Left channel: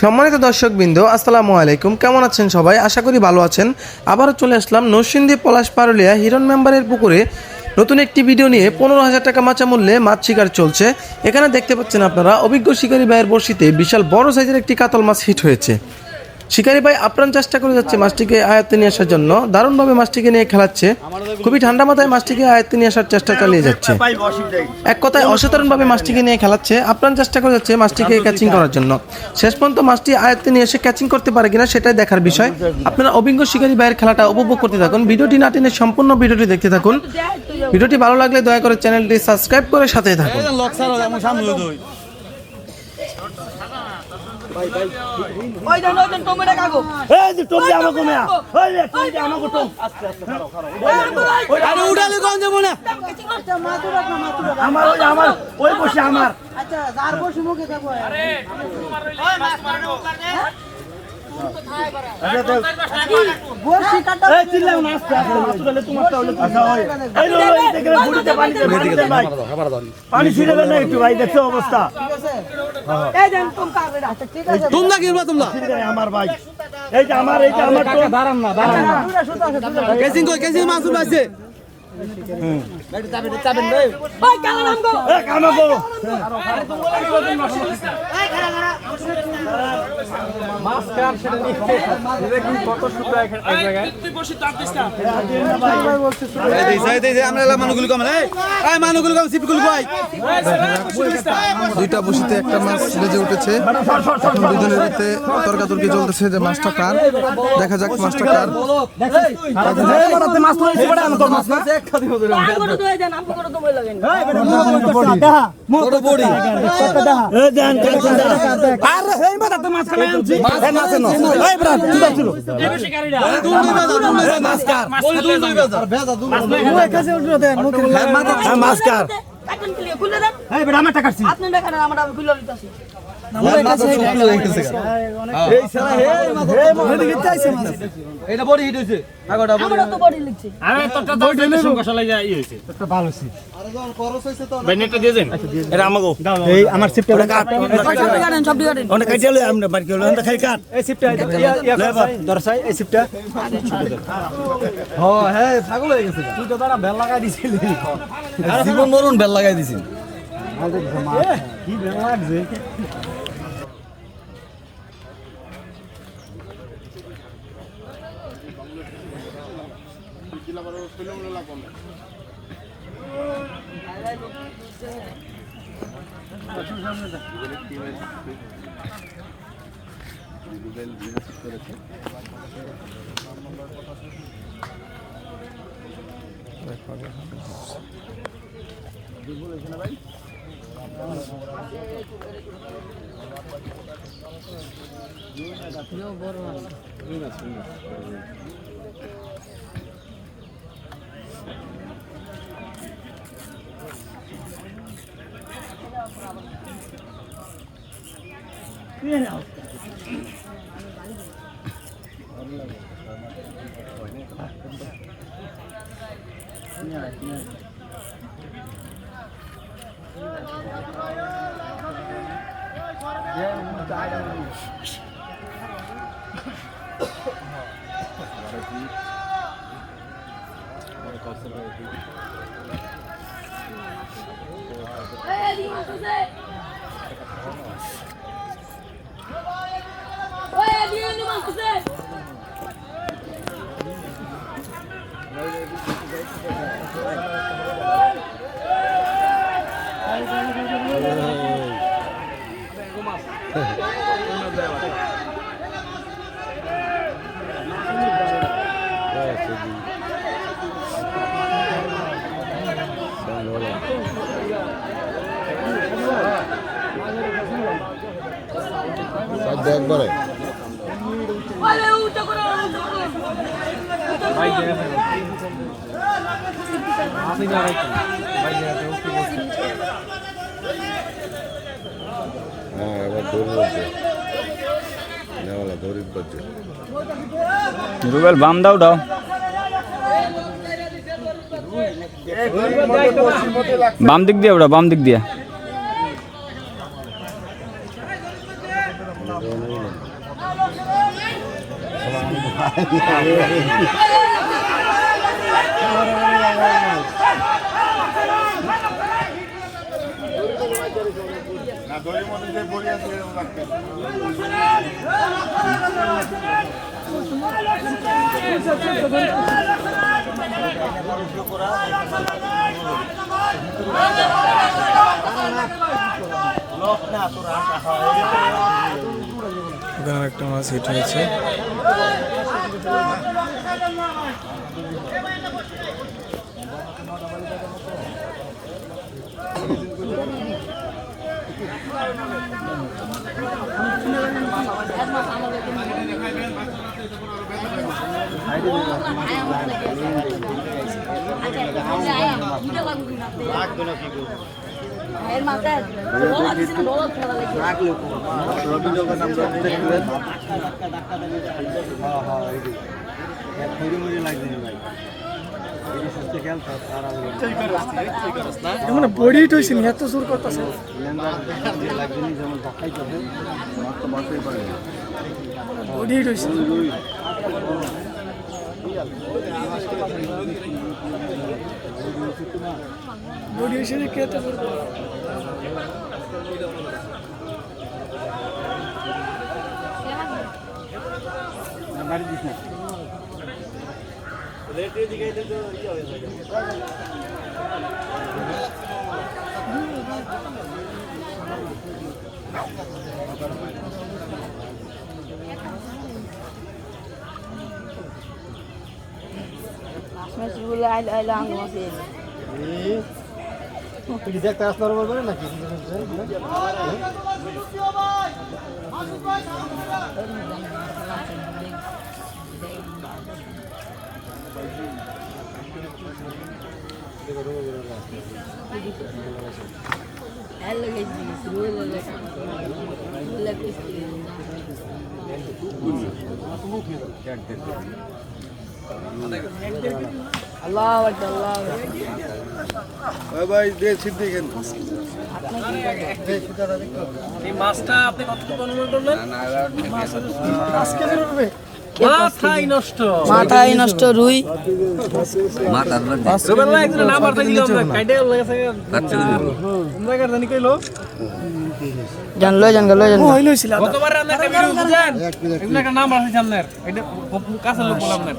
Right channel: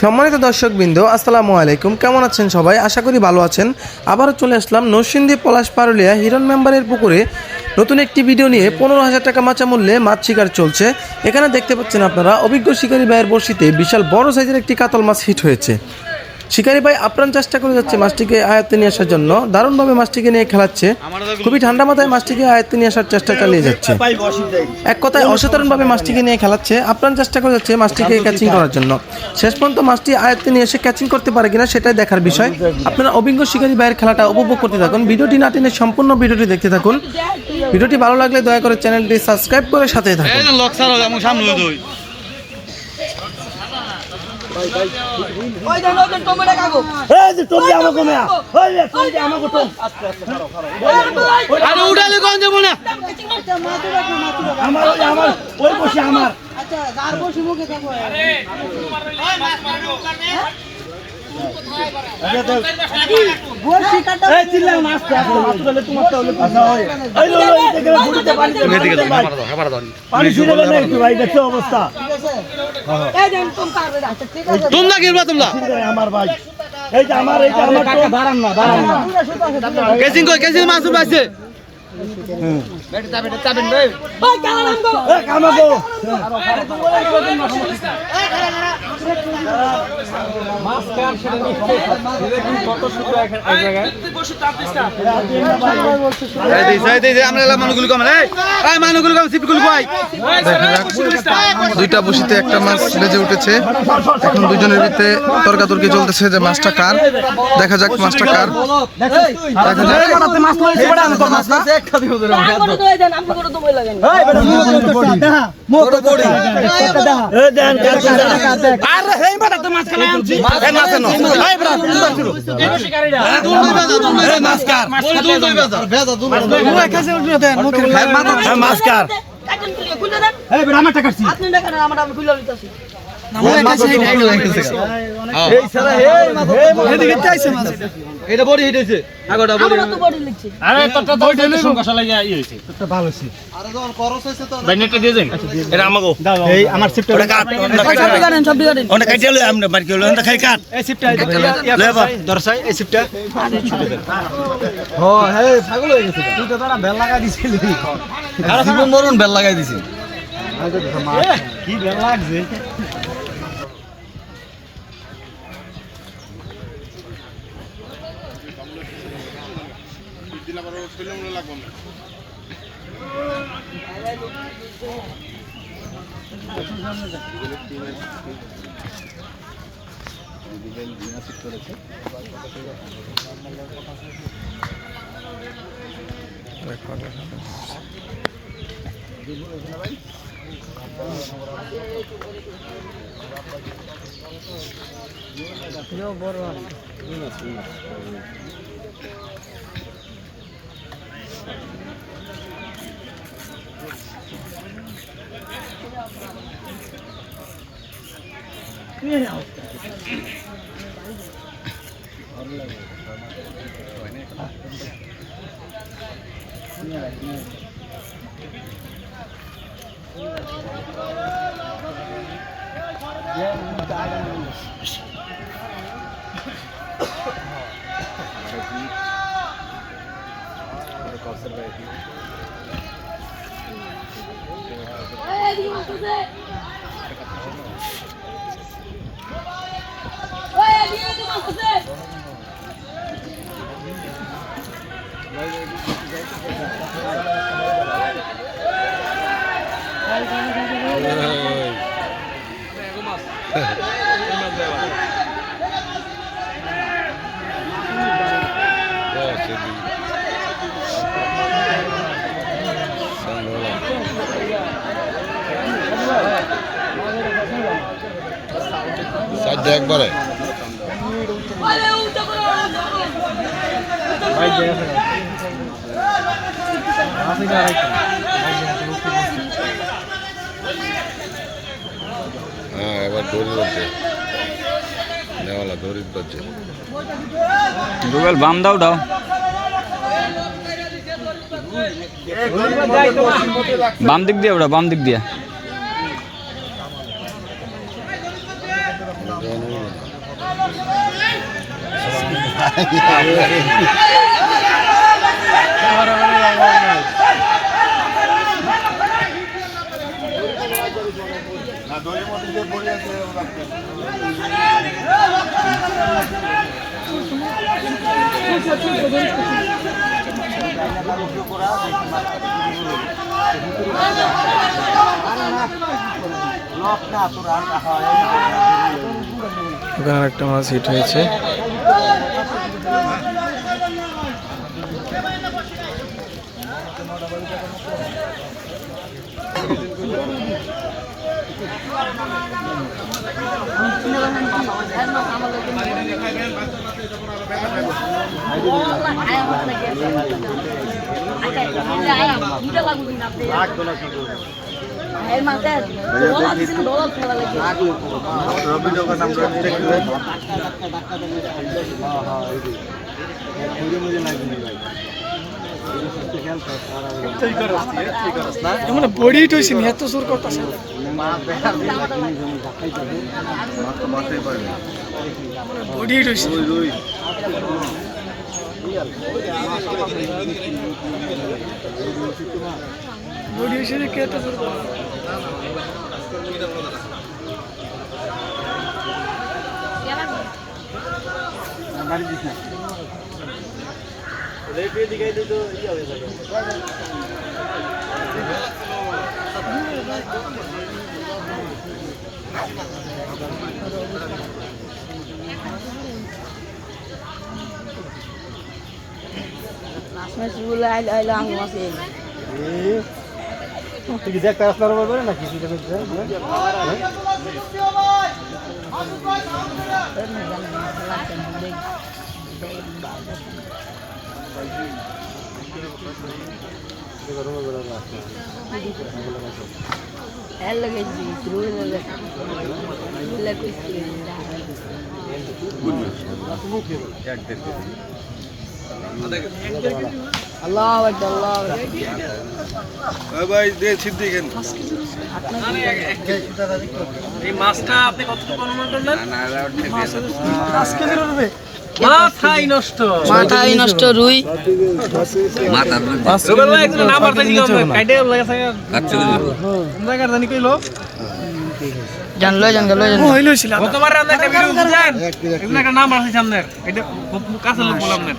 সম্মানিত দর্শকবৃন্দ, আসসালামু আলাইকুম। কেমন আছেন সবাই? আশা করি ভালো আছেন। আবারও চলে আসলাম নরসিংদী পলাশ পারুলিয়া হিরণ মেম্বারের পুকুরে নতুন একটি ভিডিও নিয়ে। 15,000 টাকা মাচা মূল্যে মাছ শিকার চলছে। এখানে দেখতে পাচ্ছেন আপনারা অভিজ্ঞ শিকারী ভাইয়ের বড়শিতে বিশাল বড় সাইজের একটি কাতল মাছ হিট হয়েছে। শিকারী ভাই আপ্রাণ চেষ্টা করে যাচ্ছে মাছটিকে আয়ত্তে নিয়ে আসার জন্য। দারুণভাবে মাছটিকে নিয়ে খেলাচ্ছে। খুবই ঠান্ডা মাথায় মাছটিকে আয়ত্তে নিয়ে আসার চেষ্টা চালিয়ে যাচ্ছে। এক কথায় অসাধারণভাবে মাছটিকে নিয়ে খেলাচ্ছে। আপ্রাণ চেষ্টা করে যাচ্ছে মাছটিকে ক্যাচিং করার জন্য। শেষ পর্যন্ত মাছটি আয়ত্তে নিয়ে এসে ক্যাচিং করতে পারে কিনা সেটাই দেখার বিষয়। আপনারা অভিজ্ঞ শিকারী ভাইয়ের খেলাটা উপভোগ করতে থাকুন। ভিডিওটি না টেনে সম্পূর্ণ ভিডিওটি দেখতে থাকুন। ভিডিওটি ভালো লাগলে দয়া করে চ্যানেলটি সাবস্ক্রাইব করে সাথেই থাকুন। ওই জানো কেন টমেটো কাগো এই যে টমেটো আমাকে মেয়া ওই রে টমেটো আমাকে তো আরে উড়ালে কোন যাব না আমার ওই বসে আমার আচ্ছা যার বসে মুখে থাকো আরে ওই মাছ মারবে ওখানে কোথায় বাড়া বসি কাটা এই চিল্লাও না আস্তে আস্তে মাছ তুলে তোমার তো হলো আচ্ছা ওই এই লো এদিকে বুড়িতে পানি এদিকে খাবার দাও পানি ছিল না একটু ভাই দেখো অবস্থা এই দেন তুমি কাটবে না ঠিক আছে তোমরা কিরবা তোমরা আমার ভাই এই যে আমার কাকা দাঁড়ান না কেসিং কই কেসিং মাছ উঠাইছে গাড়ি চাবেন ভাই ওই কালা নামগো এ কামাগো মাছ কার সেটা দেখুন কত সুন্দর এক জায়গায় তুই বসে চাপ দিস না এই দেই আমরা মানুষগুলো কম এই মানুষগুলো কম সিপগুলো কই দেখা যাক দুইটা বসিতে একটা মাছ বেজে উঠেছে। এখন দুজনের ভিতরে তর্কাতর্কি চলতেছে যে মাছটা কার। দেখা যাক মাছটা কার। দেখা যাক মাছ লইছে বড় আমি তো মাছ না করে তো দেন আমি করে তো মই লাগেন এই বেটা মোটো দেখা মোটো বড়ি দেখা এই দেন আরে হেই বেটা তো মাছ কেন আনছি এই মাছ নো এই বেটা এই বেশি গাড়িটা এই মাছ কার দূর দই বাজার ভেজা দূর ওই কাছে উঠে দেন মুখে মাছ কার কাটন খুলে দেন এই বেটা আমার টাকা কাটছি আপনি দেখেন আমরা খুলে দিতেছি এই সারা এদিকে চাইছে মাছ এটা বড়ি হিটেছে আগটা বড়ি আমরা তো বডি লিখছি আরে তোরটা তো হইছে সংকোশ লাগা ই হইছে তোরটা ভালো ছিল আরে যখন খরচ হইছে তো বাইনেটটা দিয়ে দেন এটা আমাগো এই আমার সিপটা কাট গাড়েন সব দিগাড়েন ওটা কাটে লই আমরা বাড়ি গেল ওটা খাই কাট এই সিপটা লেবার দরসাই এই সিপটা ও হে ছাগল হয়ে গেছে তুই তো তারা বেল লাগা দিছিলি জীবন মরণ বেল লাগাই দিছি কি বেল লাগছে একবারে হ্যাঁ এবার দড়ি বাজছে নেওয়ালা দড়ি বাজছে গুগল বাম দাও দাও বাম দিক দিয়ে ওটা বাম দিক দিয়ে এখানে একটা মাছ হিট হয়েছে। বডি টইছি এত জোর কথা বডি টইছি বডি হইছে কে এত জোর কথা বাড়ি দিছ না রেটে দিকে তো কি হবে Masih ada masih. তুই দেখতে আসলার বলবে না কিছু Allah Akbar, Allah ভাই দে সিদ্ধি কেন এই মাছটা আপনি কতটুকু অনুমান করলেন? আজকে বেরোবে মাথাই নষ্ট। মাথায় নষ্ট রুই রুবেল ভাই একটু নাম্বার দিয়ে দিলাম, কাইটে লাগা থাকে। জায়গা জানি কইলো জানলো হইলো ছিল গতবার আমরা একটা ভিডিও বুঝছেন? এগুলো একটা নাম্বার আছে সামনে। এটা কাছে লোক বললাম না।